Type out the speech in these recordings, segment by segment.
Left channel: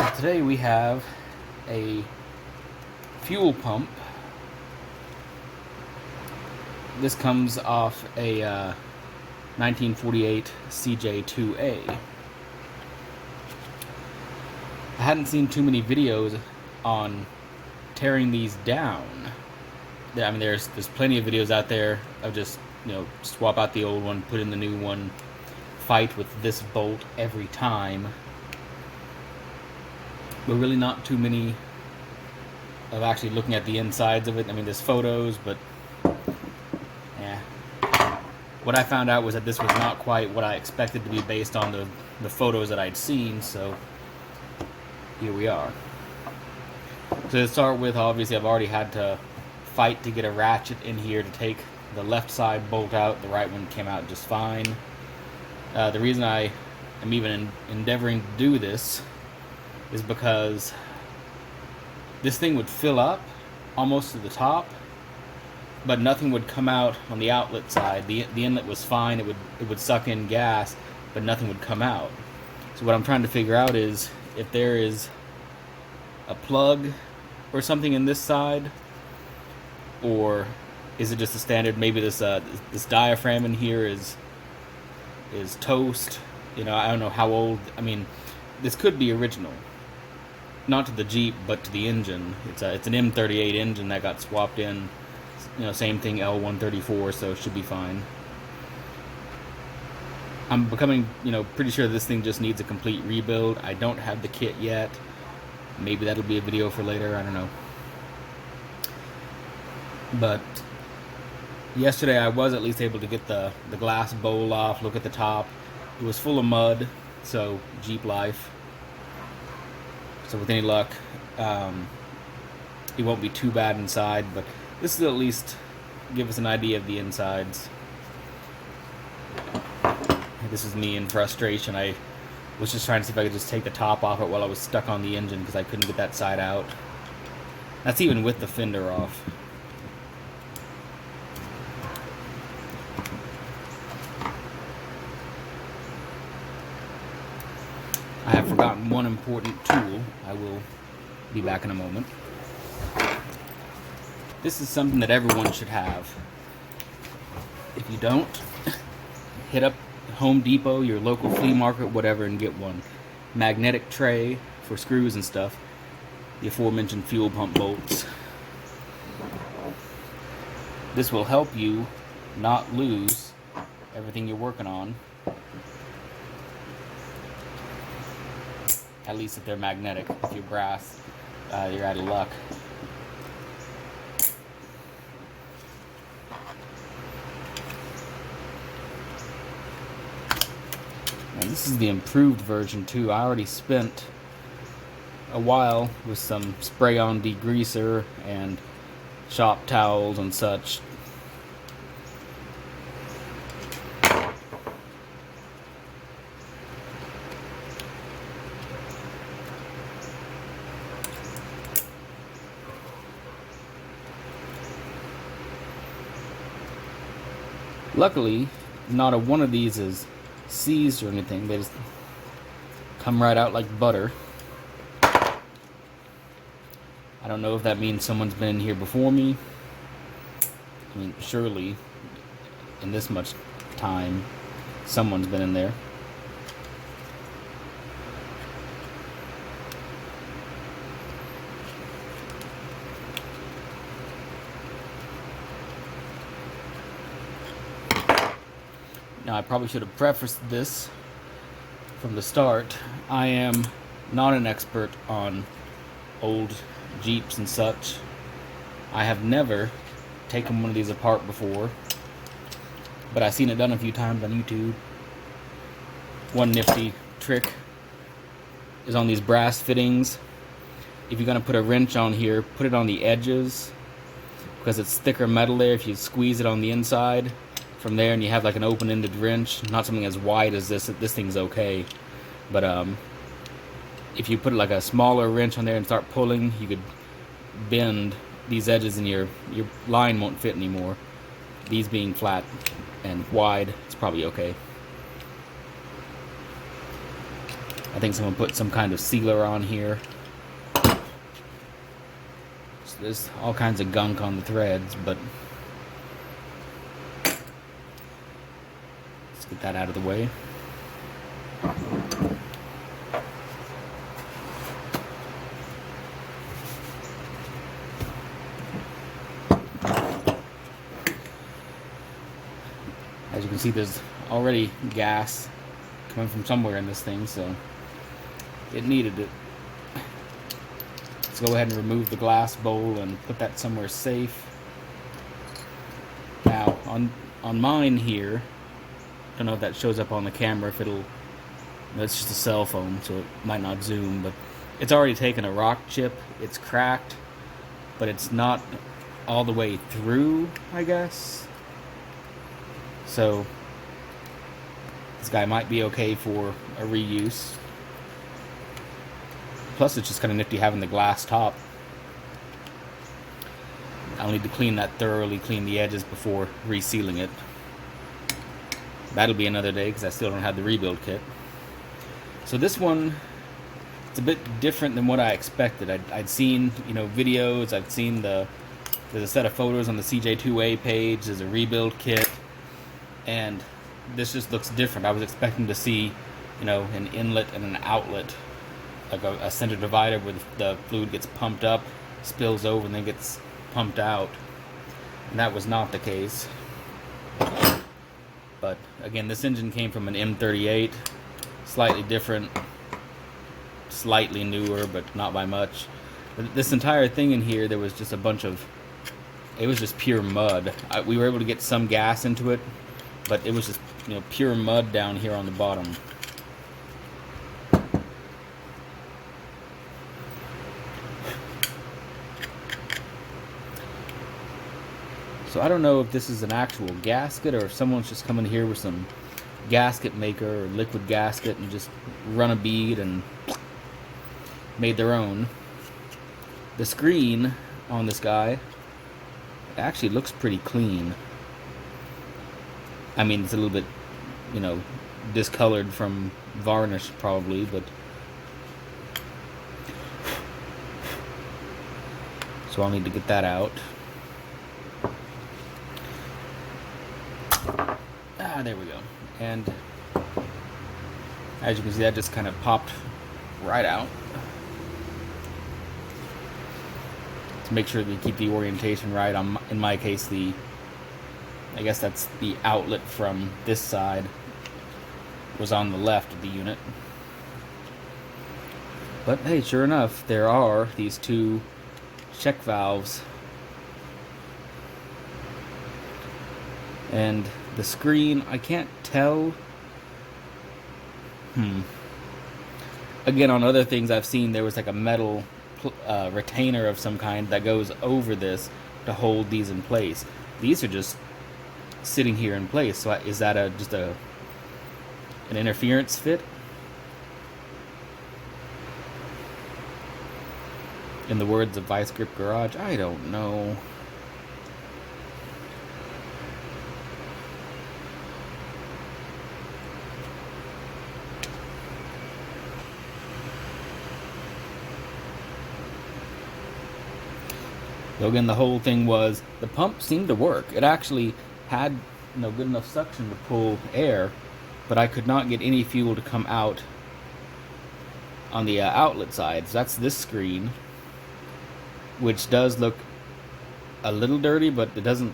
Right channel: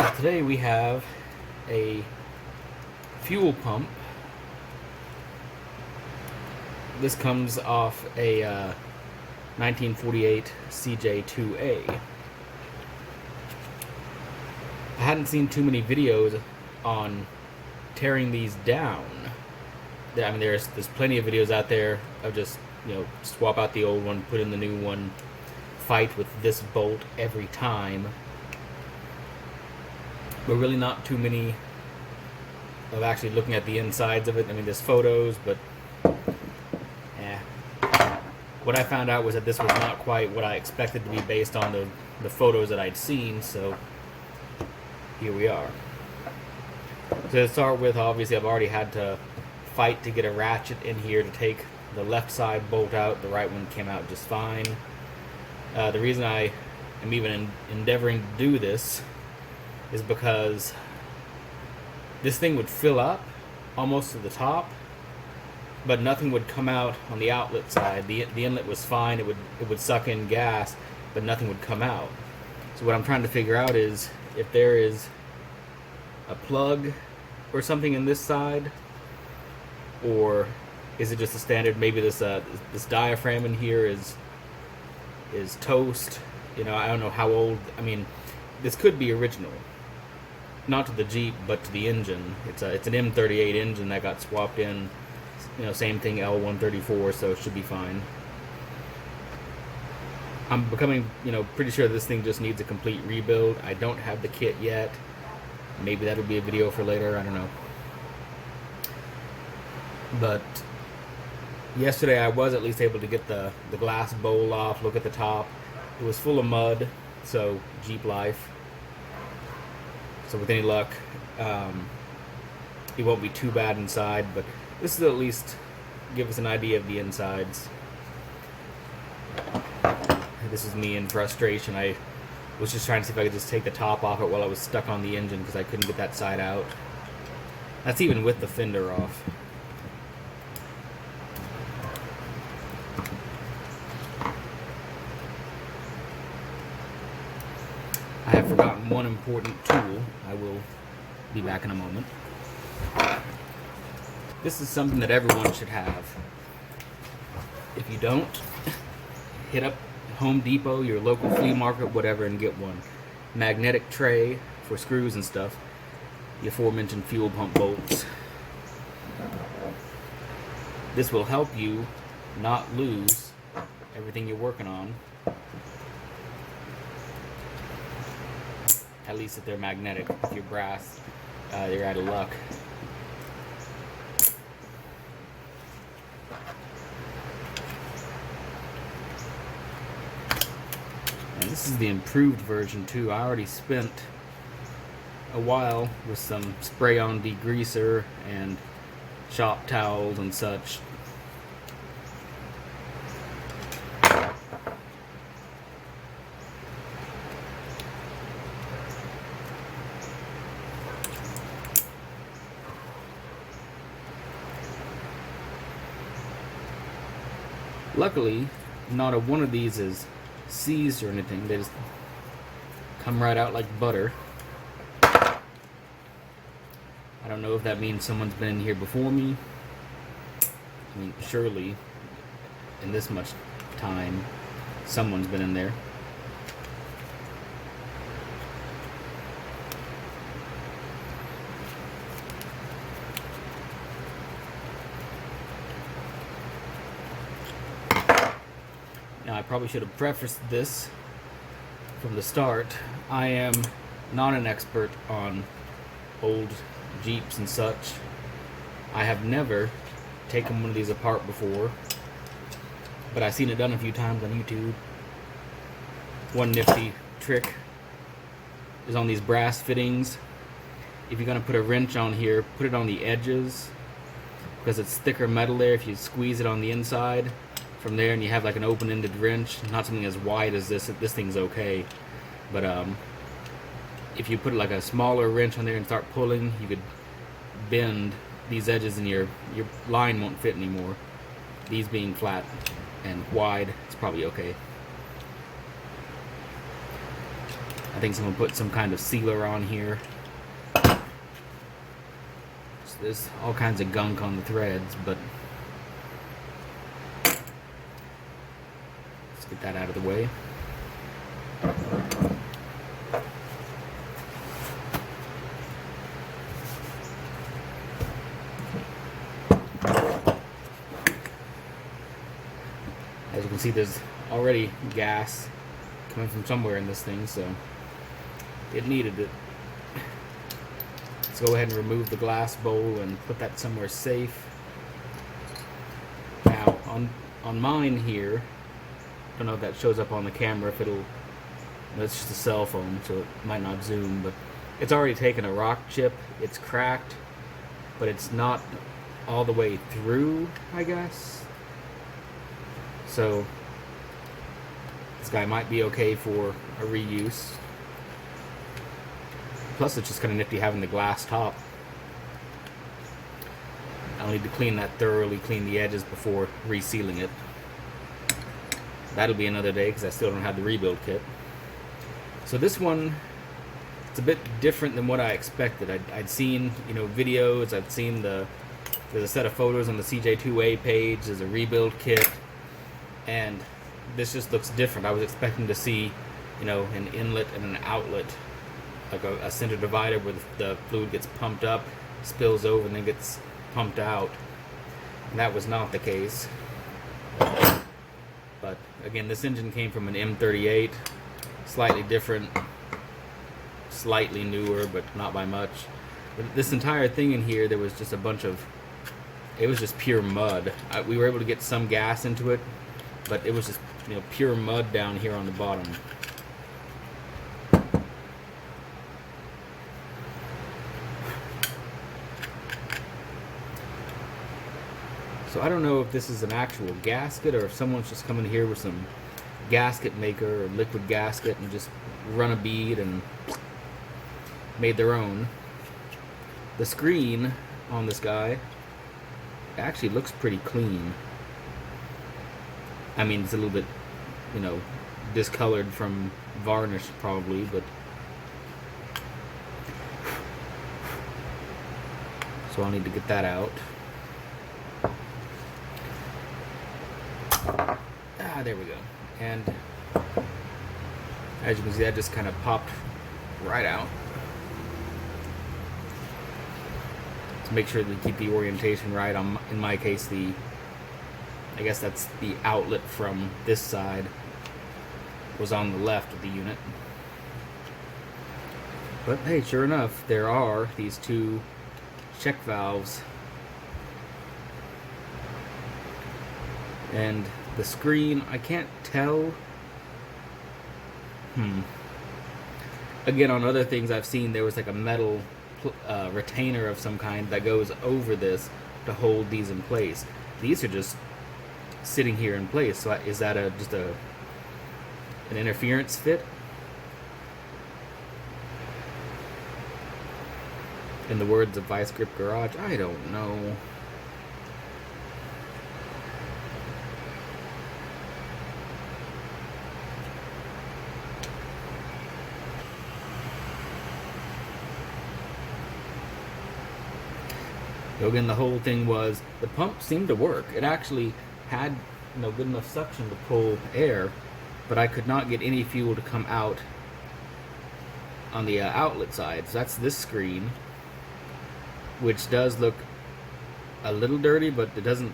Today we have a fuel pump. This comes off a 1948 CJ2A. I hadn't seen too many videos on tearing these down. I mean, there's plenty of videos out there of just, swap out the old one, put in the new one, fight with this bolt every time. But really not too many of actually looking at the insides of it. I mean, there's photos, but yeah. What I found out was that this was not quite what I expected to be based on the photos that I'd seen, so here we are. So to start with, obviously I've already had to fight to get a ratchet in here to take the left side bolt out. The right one came out just fine. The reason I am even endeavoring to do this is because this thing would fill up almost to the top, but nothing would come out on the outlet side. The inlet was fine, it would suck in gas, but nothing would come out. So what I'm trying to figure out is if there is a plug or something in this side, or is it just a standard, maybe this diaphragm in here is toast. I don't know how old. I mean, this could be original. Not to the Jeep, but to the engine. It's an M38 engine that got swapped in. Same thing, L134, so it should be fine. I'm becoming, pretty sure this thing just needs a complete rebuild. I don't have the kit yet. Maybe that'll be a video for later, I don't know. But yesterday I was at least able to get the glass bowl off, look at the top. It was full of mud, so Jeep life. So with any luck, it won't be too bad inside, but this will at least give us an idea of the insides. This is me in frustration. I was just trying to see if I could just take the top off it while I was stuck on the engine because I couldn't get that side out. That's even with the fender off. I have forgotten one important tool. I will be back in a moment. This is something that everyone should have. If you don't, hit up Home Depot, your local flea market, whatever, and get one. Magnetic tray for screws and stuff. The aforementioned fuel pump bolts. This will help you not lose everything you're working on. At least if they're magnetic. If you're brass, you're out of luck. And this is the improved version too. I already spent a while with some spray-on degreaser and shop towels and such. Luckily, not a one of these is seized or anything. They just come right out like butter. I don't know if that means someone's been in here before me. I mean, surely, in this much time, someone's been in there. Now, I probably should have prefaced this from the start. I am not an expert on old Jeeps and such. I have never taken one of these apart before, but I've seen it done a few times on YouTube. One nifty trick is on these brass fittings. If you're going to put a wrench on here, put it on the edges, because it's thicker metal there. If you squeeze it on the inside from there and you have like an open-ended wrench, not something as wide as this thing's okay, but if you put like a smaller wrench on there and start pulling, you could bend these edges and your line won't fit anymore. These being flat and wide, it's probably okay. I think someone put some kind of sealer on here. So there's all kinds of gunk on the threads, but let's get that out of the way. As you can see, there's already gas coming from somewhere in this thing, so it needed it. Let's go ahead and remove the glass bowl and put that somewhere safe. Now, on mine here, I don't know if that shows up on the camera, if it'll, that's just a cell phone, so it might not zoom, but it's already taken a rock chip. It's cracked, but it's not all the way through, I guess. So this guy might be okay for a reuse. Plus, it's just kind of nifty having the glass top. I'll need to clean that thoroughly, clean the edges before resealing it. That'll be another day because I still don't have the rebuild kit. So this one, it's a bit different than what I expected. I'd seen, videos. I'd seen there's a set of photos on the CJ2A page. There's a rebuild kit. And this just looks different. I was expecting to see, an inlet and an outlet, like a center divider where the fluid gets pumped up, spills over, and then gets pumped out. And that was not the case. But again, this engine came from an M38, slightly different, slightly newer, but not by much. But this entire thing in here, there was just a bunch of, it was just pure mud. We were able to get some gas into it, but it was just, pure mud down here on the bottom. So I don't know if this is an actual gasket or if someone's just come in here with some gasket maker or liquid gasket and just run a bead and made their own. The screen on this guy actually looks pretty clean. I mean, it's a little bit, discolored from varnish probably, but so I'll need to get that out. There we go. And as you can see, that just kind of popped right out. To make sure that you keep the orientation right. In my case, I guess that's the outlet from this side was on the left of the unit. But hey, sure enough, there are these two check valves. And the screen, I can't tell. Again, on other things I've seen, there was like a metal retainer of some kind that goes over this to hold these in place. These are just sitting here in place. So is that just an interference fit? In the words of Vice Grip Garage, I don't know. So again, the whole thing was the pump seemed to work. It actually had good enough suction to pull air, but I could not get any fuel to come out on the outlet side. So that's this screen, which does look a little dirty, but it doesn't,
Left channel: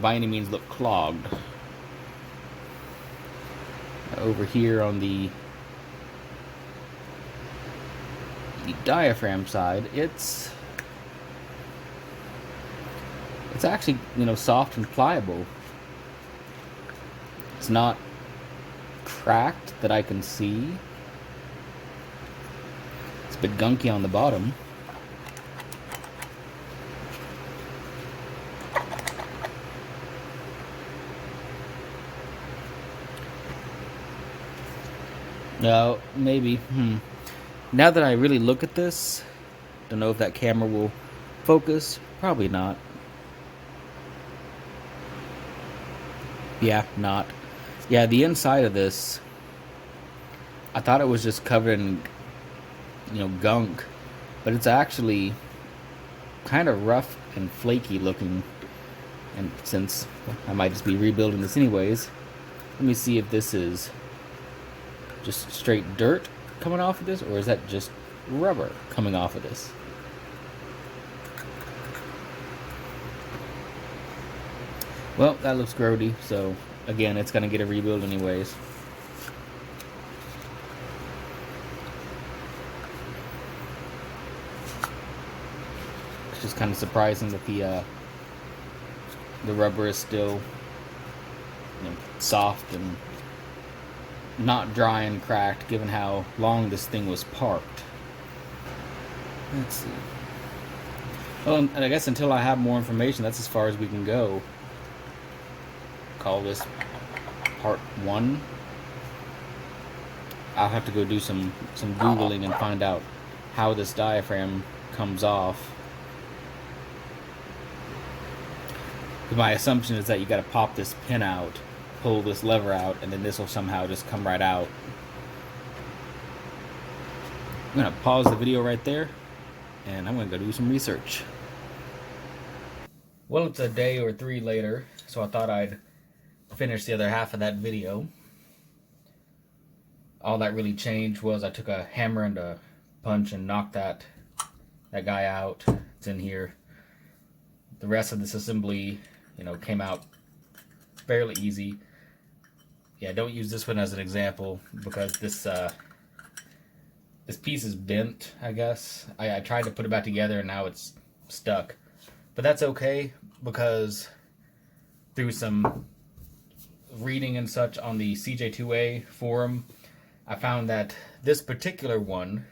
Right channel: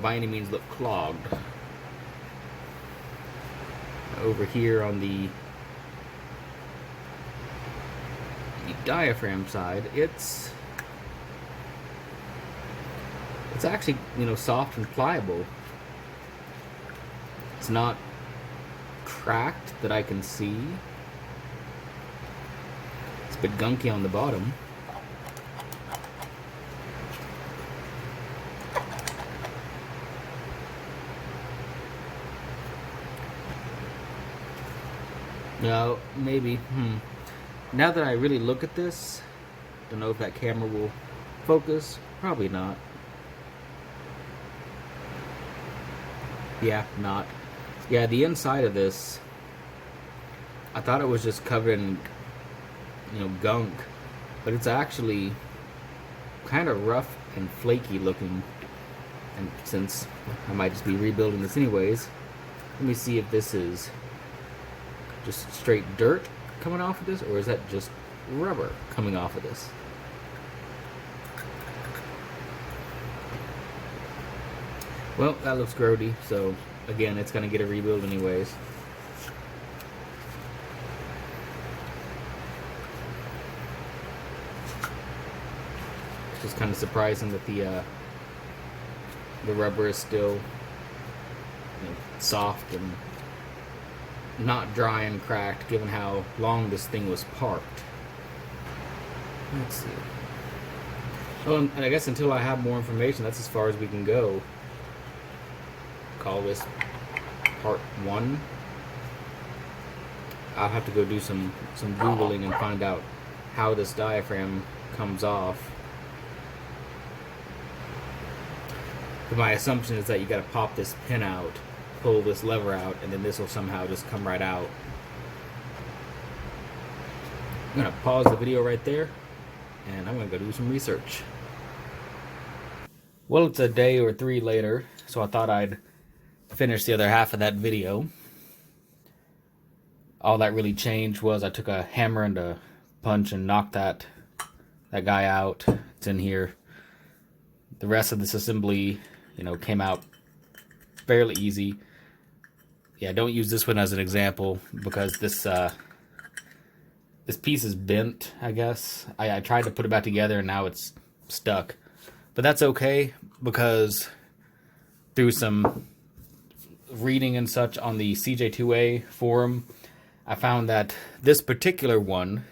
by any means look clogged. Over here on the diaphragm side, it's actually, soft and pliable. It's not cracked that I can see. It's a bit gunky on the bottom. No, maybe. Now that I really look at this, don't know if that camera will focus. Probably not. Yeah, not. Yeah, the inside of this, I thought it was just covered in, gunk, but it's actually kind of rough and flaky looking. And since I might just be rebuilding this anyways, let me see if this is just straight dirt coming off of this, or is that just rubber coming off of this? Well, that looks grody, so again, it's gonna get a rebuild anyways. It's just kind of surprising that the rubber is still, soft and not dry and cracked, given how long this thing was parked. Let's see. Oh, and I guess until I have more information, that's as far as we can go. Call this part 1. I'll have to go do some Googling and find out how this diaphragm comes off. My assumption is that you gotta pop this pin out, pull this lever out, and then this will somehow just come right out. I'm gonna pause the video right there, and I'm gonna go do some research. Well, it's a day or 3 later, so I thought I'd finish the other half of that video. All that really changed was I took a hammer and a punch and knocked that guy out. It's in here. The rest of this assembly, came out fairly easy. Yeah, don't use this one as an example because this piece is bent, I guess. I tried to put it back together and now it's stuck. But that's okay because through some reading and such on the CJ2A forum, I found that this particular one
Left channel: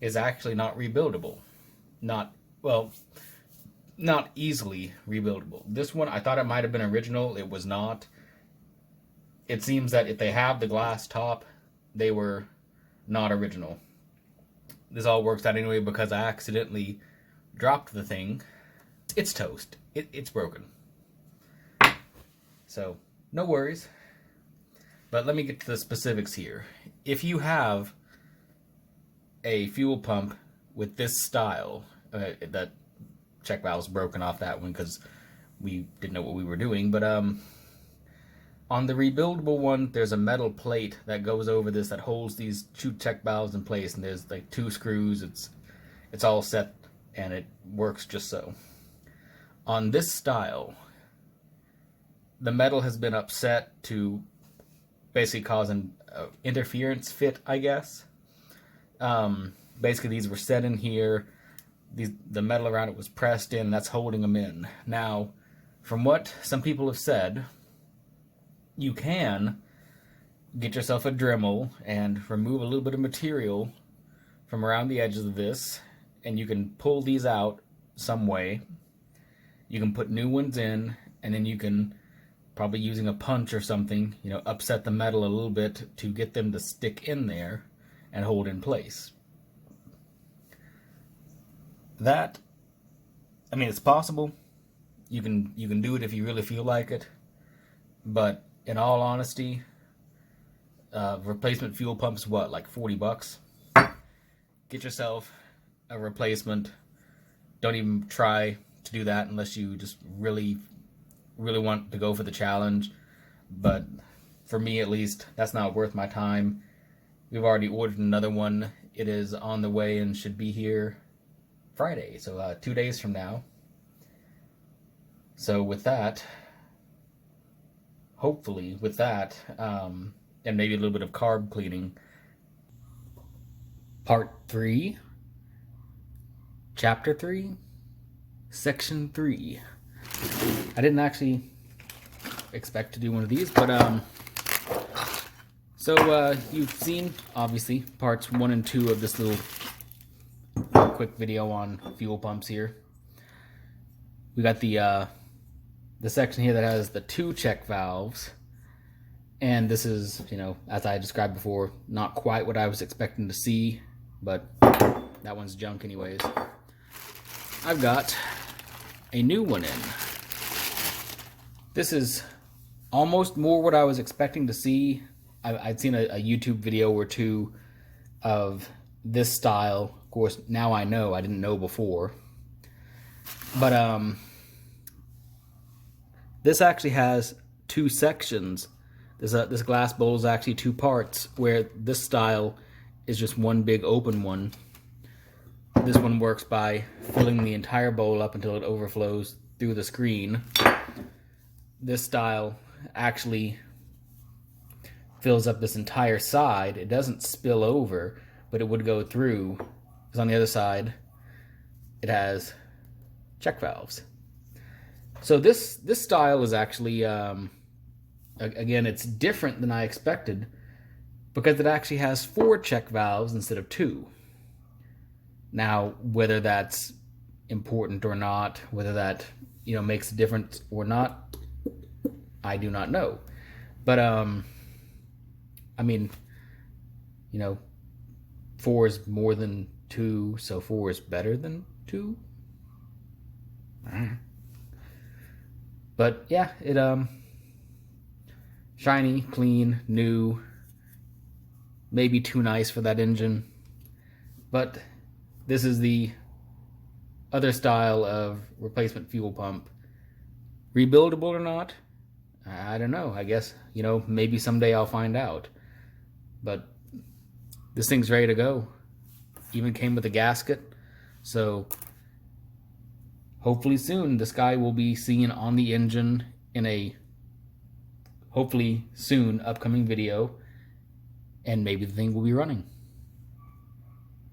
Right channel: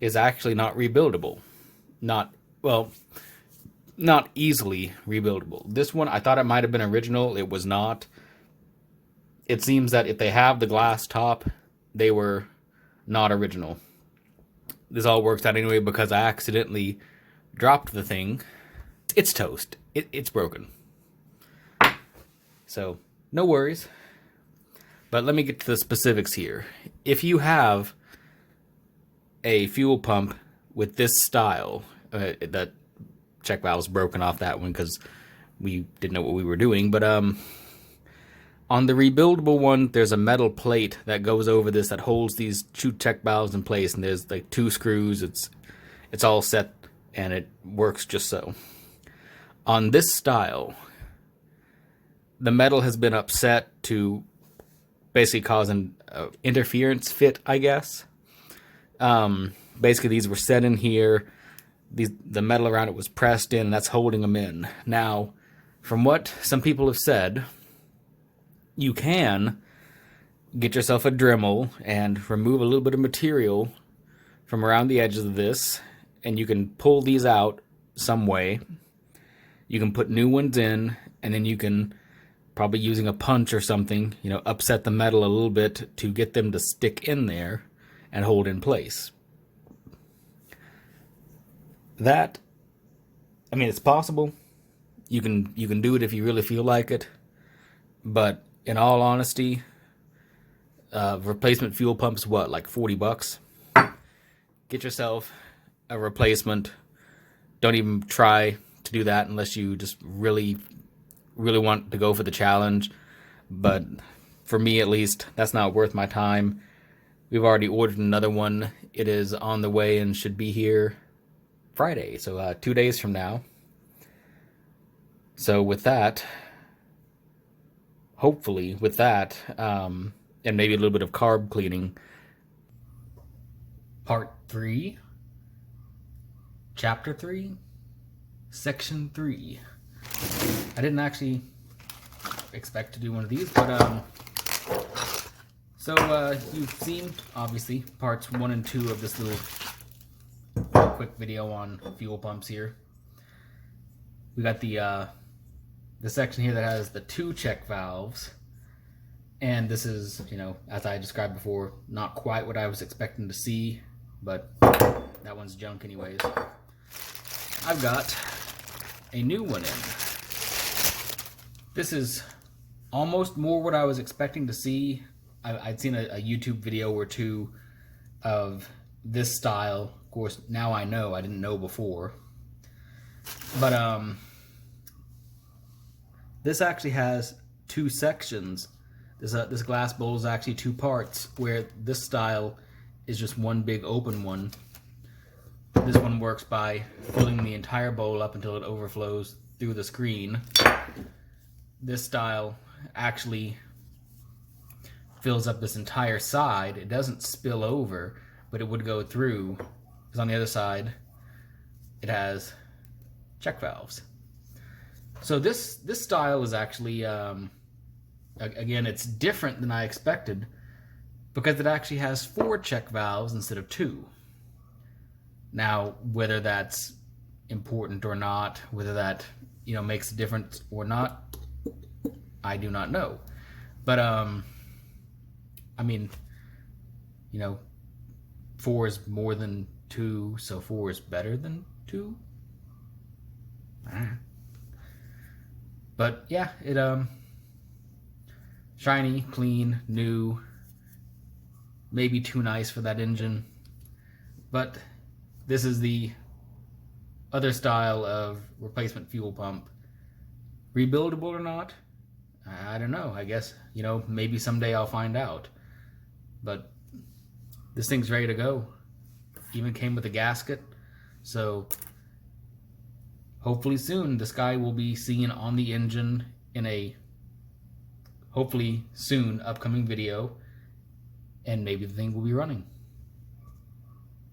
is actually not rebuildable. Not easily rebuildable. This one, I thought it might have been original. It was not. It seems that if they have the glass top, they were not original. This all works out anyway because I accidentally dropped the thing. It's toast. It's broken. So, no worries. But let me get to the specifics here. If you have a fuel pump with this style, that check valve's broken off that one because we didn't know what we were doing, but on the rebuildable one, there's a metal plate that goes over this that holds these 2 check valves in place, and there's like 2 screws. It's all set and it works just so. On this style, the metal has been upset to basically cause an interference fit, I guess. Basically, these were set in here. The metal around it was pressed in. That's holding them in. Now, from what some people have said, you can get yourself a Dremel and remove a little bit of material from around the edges of this, and you can pull these out some way. You can put new ones in, and then you can, probably using a punch or something, upset the metal a little bit to get them to stick in there and hold in place. That, it's possible. You can do it if you really feel like it. But in all honesty, replacement fuel pump's what, like $40? Get yourself a replacement. Don't even try to do that unless you just really want to go for the challenge. But for me, at least, that's not worth my time. We've already ordered another one. It is on the way and should be here Friday, so 2 days from now. So with that, hopefully with that, and maybe a little bit of carb cleaning, part 3, chapter 3, section 3. I didn't actually expect to do one of these, but so you've seen obviously parts 1 and 2 of this little quick video on fuel pumps here. We got the section here that has the 2 check valves, and this is, as I described before, not quite what I was expecting to see, but that one's junk anyways. I've got a new one in. This is almost more what I was expecting to see. I'd seen a YouTube video or two of this style. Of course, now I know. I didn't know before. But this actually has two sections. This glass bowl is actually two parts, where this style is just one big open one. This one works by filling the entire bowl up until it overflows through the screen. This style actually fills up this entire side. It doesn't spill over, but it would go through. Because on the other side, it has check valves. So this style is actually, again, it's different than I expected, because it actually has 4 check valves instead of 2. Now, whether that's important or not, whether that makes a difference or not, I do not know. But I mean, 4 is more than 2, so 4 is better than 2. But yeah, it shiny, clean, new. Maybe too nice for that engine, but this is the other style of replacement fuel pump. Rebuildable or not? I don't know. I guess, maybe someday I'll find out. But this thing's ready to go. Even came with a gasket. So hopefully soon this guy will be seen on the engine in a hopefully soon upcoming video. And maybe the thing will be running.